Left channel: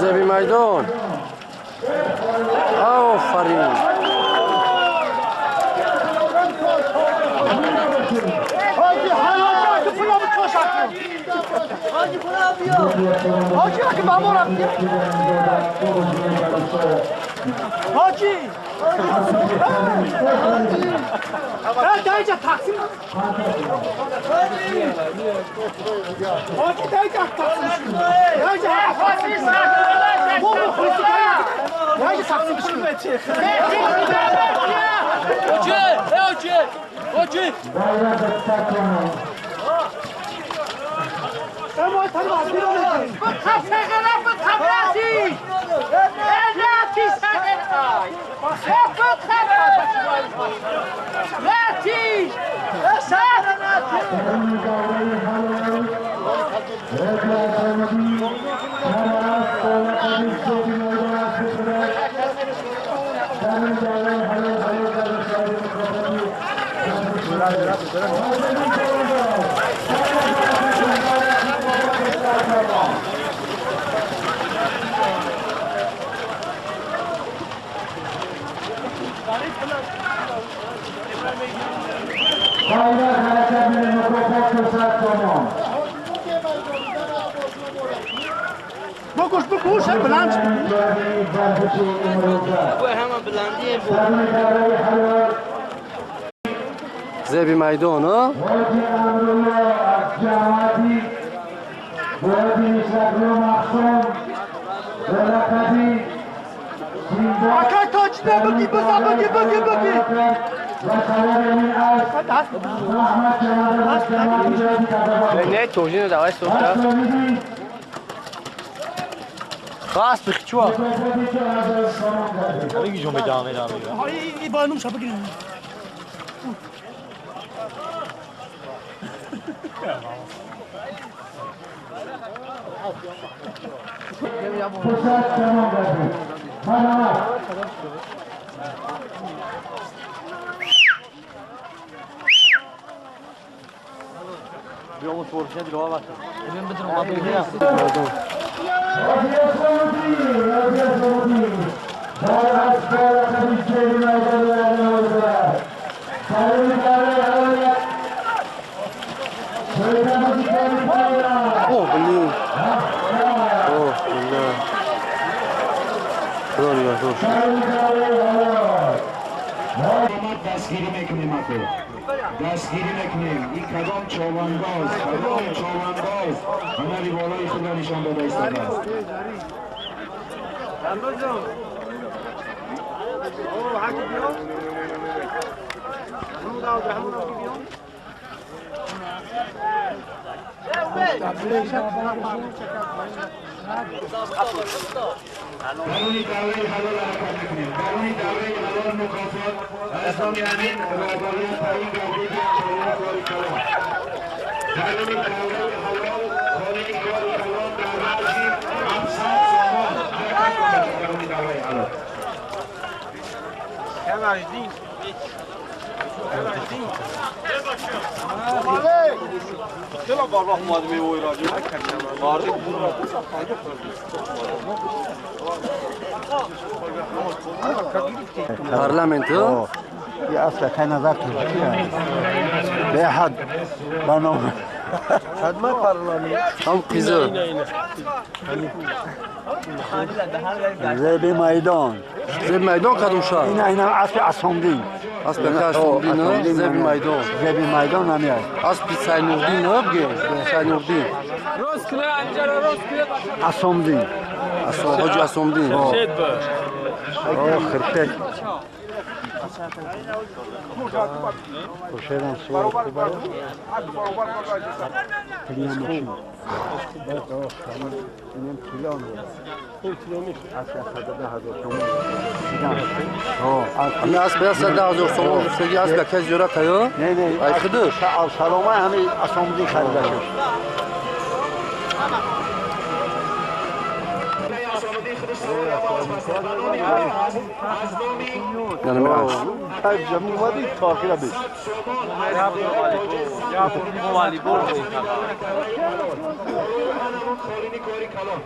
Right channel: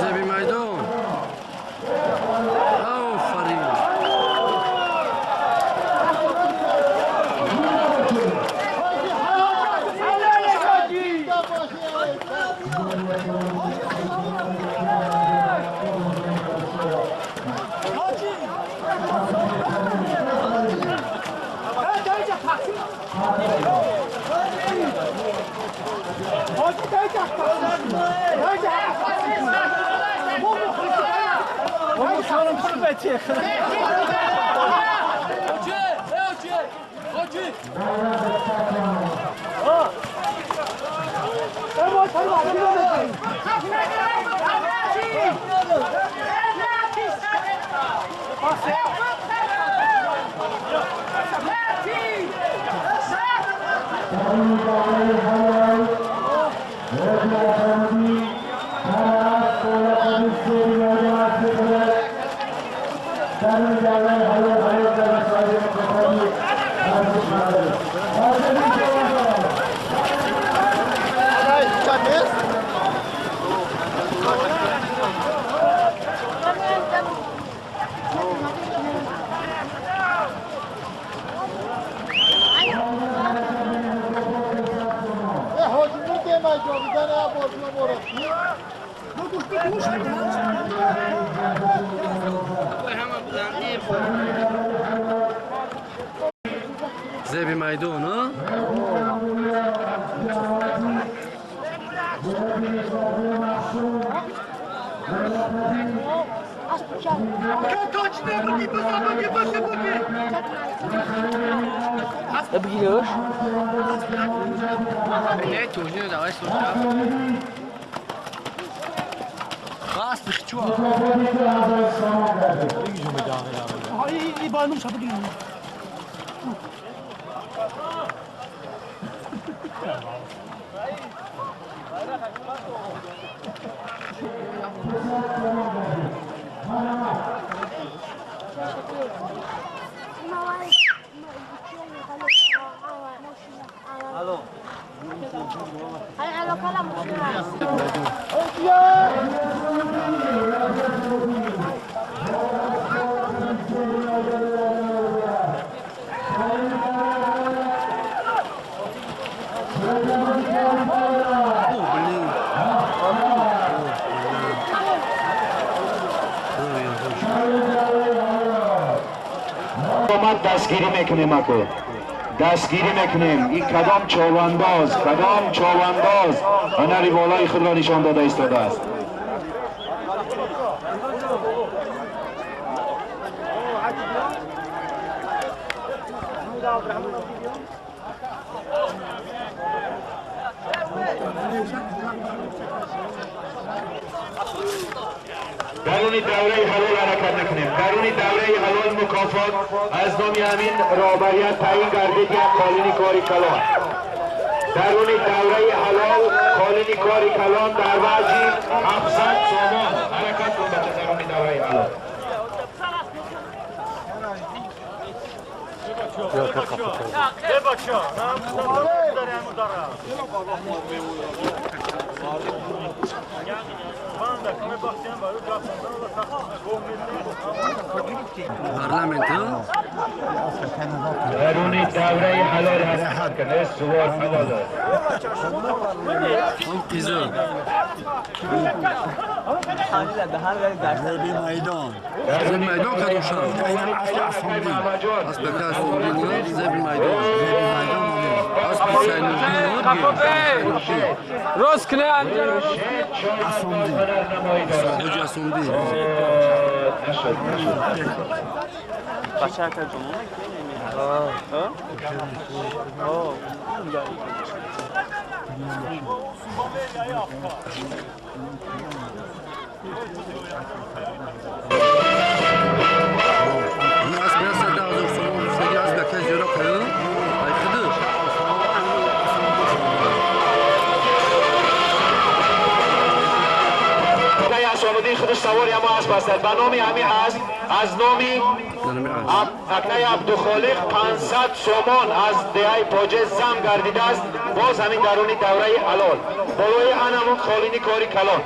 زبی میدان آفرین بکش بلند زبی میدان ها نه توجیه دعوی سوخته خواست بخچوا بگی جون به دامه ای با نوم شب بگیریم دستگیری میکنیم اکو دستگیری میکنیم این کدام چوبانداز هنری بالای خود را نشان داده ایستاده است درونی دوره حلال حرکت نکنیم درونی دوره حلال مکافات از دامیانین رابریت تعیین گردگی کالینی کاری کلان درونی دوره حلال کالینی کاری کلان در بعضی 700 سامان حرکت کنده درونی دوره حلال پارلمنت يا أصلا كان ذاك يا حد هم قیزه زبی میدان زبی میدان کدوم شهر؟ اینا اصل اسفندی اسب که اسفندی نه زبی میدان زبی میدان نمیاد اسب سینوردی نه بگه سینوردی راست کنه انجام راست کنه اسفندی حاجی اسفندی خرته همه اسب 100,000 سوم جفتگی اسب که زیارت ها؟ ای خدش سلامه همین اسفندی خریده این خودش سواری اما اسب است. به نام همین اسب از نامی یعنی از عطای عبدالخالق 500 سومان از دهه پاجه زم گردیده است. باز همین درون دوره حلال بالای هنمون خالینی کاری کلان.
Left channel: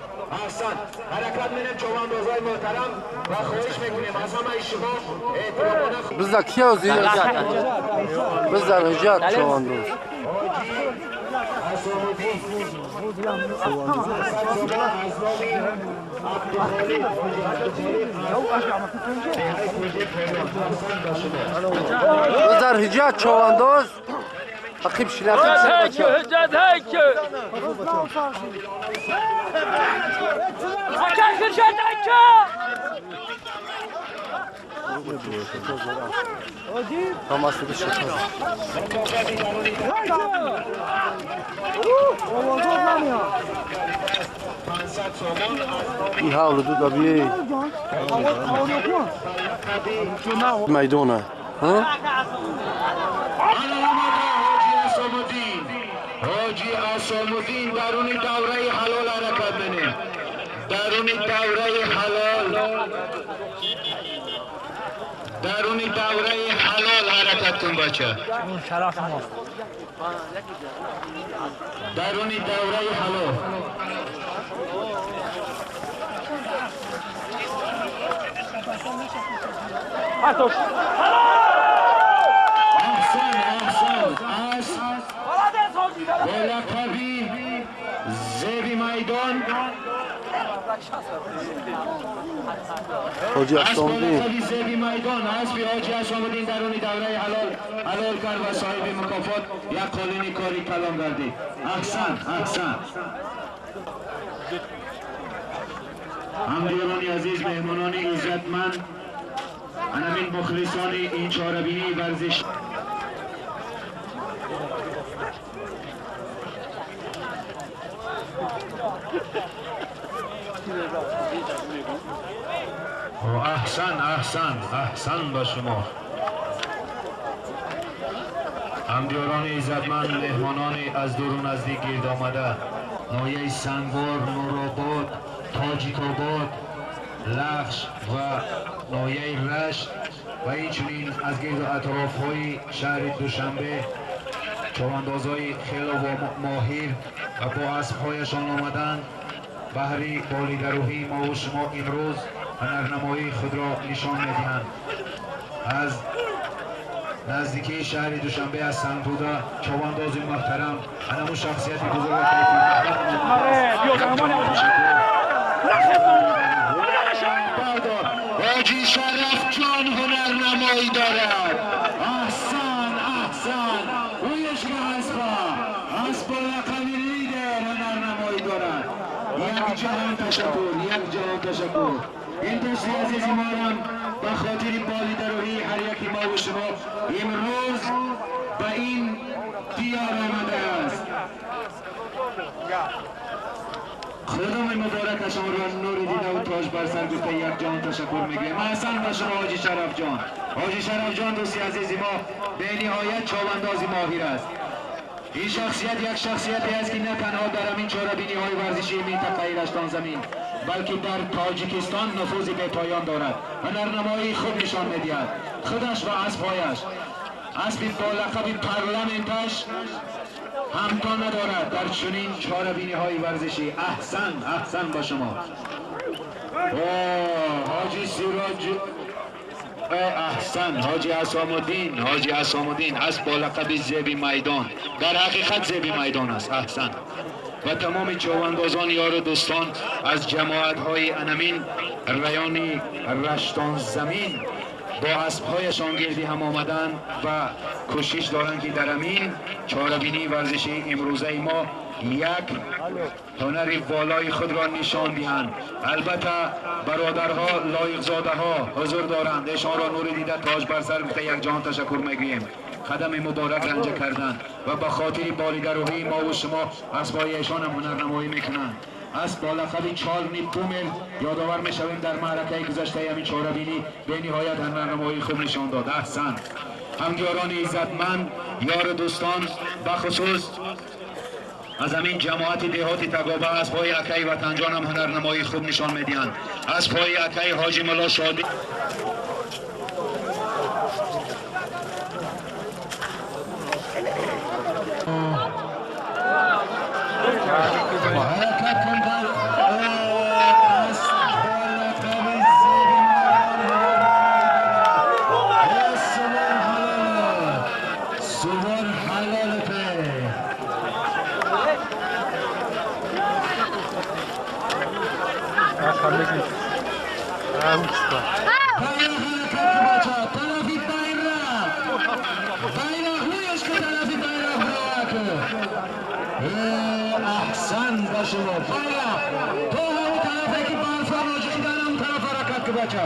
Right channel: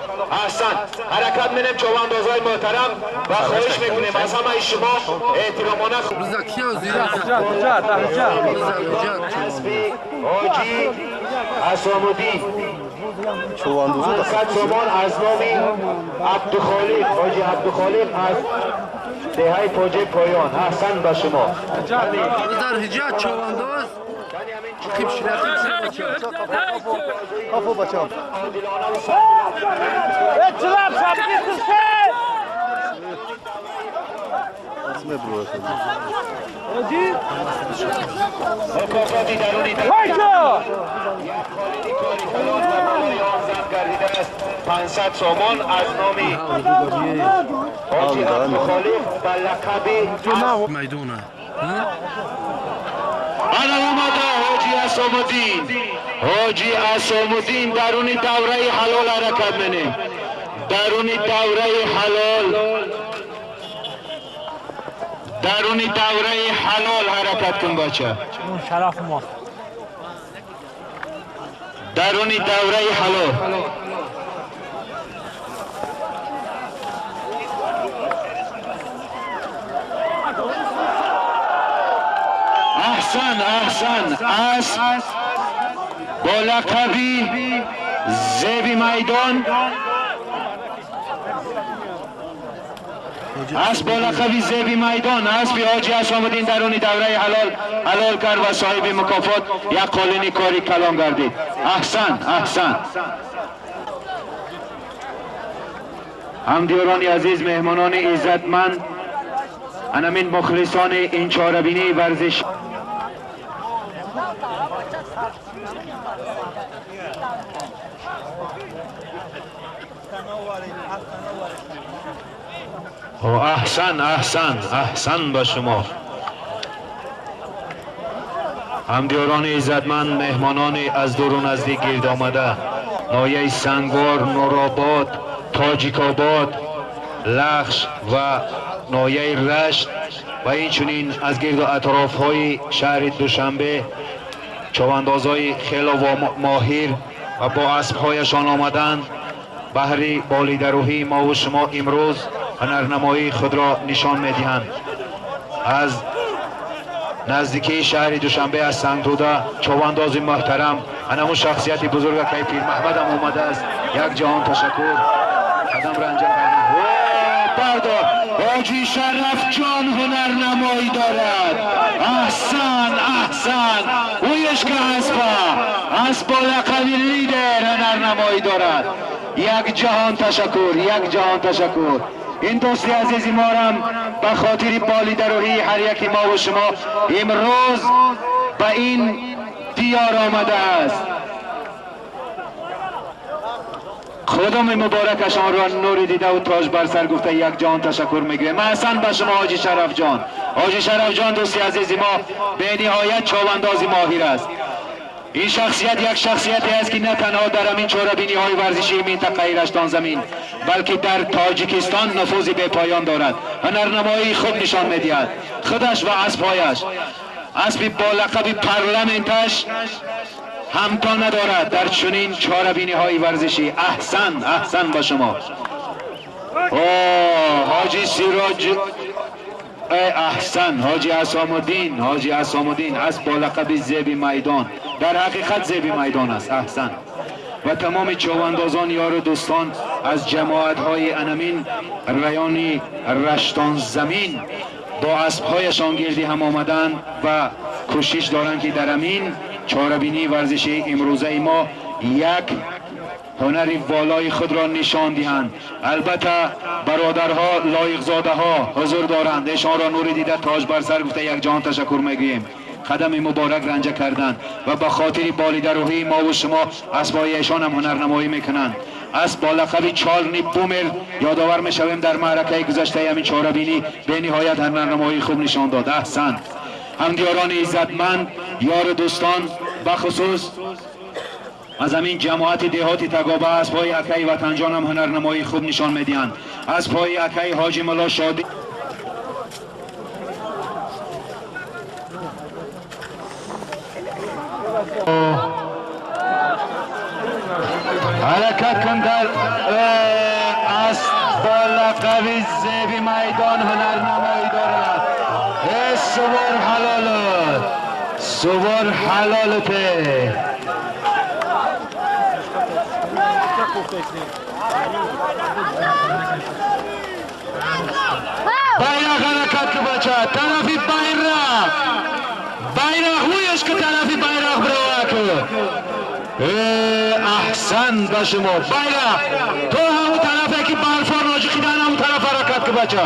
احسن حرکت می‌نیم چوباندازهای محترم و خواهش میکنیم از همه شما احترامانه بزا کیا زیر بزا رجات چواندوز حاجی اسام‌الدین چواندوز 500 سومان از نام عبدالخالق حاجی عبدالخالق از دهه پاجه پایان. احسن به شما. بزا رجات چواندوز اخیب شلاقی هیکه هجد هیکه مکافاتی درونی 500 سومان از نام حاول دو قبیه حاجی عبدالخالق به لقب میدونه ها انا اومده حاجی اسام‌الدین. حاجی اسام‌الدین درون دوره حلال حرکت منیم. درون دوره حلال درون دوره حلال حرکت کن بچه. اون شرف ما درون دوره حلال احسن احسن اسب با لقبی زیبی میدان حاجی اسب با لقبی زیبی میدان اسب حاجی اسام‌الدین درون دوره حلال کرد و صاحب مکافات یک قالینی کاری کلان گردید. احسن احسن. همدیران عزیز مهمانان عزتمند همین مخلصان این چهاربینی ورزش احسن احسن احسن با شما. همدیران عزتمند مهمانان از دور و نزدیک گرد آمده ناحیه سنگوار، نورآباد، تاجیک‌آباد، لخش و ناحیه رشت و اینچنین از گرد و اطراف‌های شهر دوشنبه چواندازهای خیلی ماهر و با اسب‌هایشان آمدند بهر بالیدروهی ما و شما امروز هنرنمایی خود را نشان می‌دهند. از نزدیکی شهر دوشنبه از سنگروده چوانداز محترم همون شخصیت بزرگ کیفی محمد هم اومده است. یک جهان تشکر. بردار حاجی شرف جان هنرنمایی دارد. احسن احسن اویش که اسب با لقب لیدر هنرنمایی دارد. یک جهان تشکر یک جهان تشکر. این دوستی عزیزی ما هم به خاطر بالیدروهی هر یکی ما و شما امروز به این دیار آمده است. خودم مبارکشان را نور دیده و تاج بر سر گفته یک جان تشکر میگویم. احسن به شما حاجی شرف جان. حاجی شرف جان دوستی عزیزی ما به نهایت چوباندازی ماهر است. این شخصیت یک شخصیتی است که نه تنها در همین چهاربینی های ورزشی منطقه رشتان زمین بلکه در تاجیکستان نفوذ به پایان دارد. هنرنمایی خود نشان میدهد. خودش و اسبهایش. اسب با لقب پارلمنتش همتا ندارد در چنین چهاربینی های ورزشی. احسن احسن با شما. حاجی سیراج احسن حاجی اسام‌الدین. حاجی اسام‌الدین اسب با لقب زیبی میدان در حقیقت زیبی میدان است. احسن. و تمام چوباندازان یار و دوستان از جماعت های انمین ریانی رشتان زمین با اسبهایشان گردی هم آمدن و کوشش دارند که در امین چهاربینی ورزشی امروزه ما یک هنر والای خود را نشان دهند. البته برادرها لایق زاده ها حضور دارند. ایشان را نور دیده تاج بر سر گفته یک جان تشکر میگوییم. قدم مبارک رنجه کردند و به خاطر بالیدروهی ما و شما اسبای ایشان هم هنرنمایی میکنند. اسب با لقب چارلی بومر یادآور میشویم در معرکه گذشته همین چهاربینی به نهایت هنرنمایی خوب نشان داد. احسن. همدیاران عزتمند یار دوستان بخصوص از همین جماعت دهاتی تگابه از پای اکای وطنجان هم هنرنمایی خوب نشان میدین. از پای اکای حاجی ملا شادی حرکت کن در از با لقب زیبی میدان هنرنمایی دارد. سوار حلاله سوار حلالته bayrak harekatli bacha tarafi bayrak huyش که طرفی bayrak براکو احسن با شما bayrak تو همون طرفه که برفان راجی خیدن همون طرف حرکت که بچه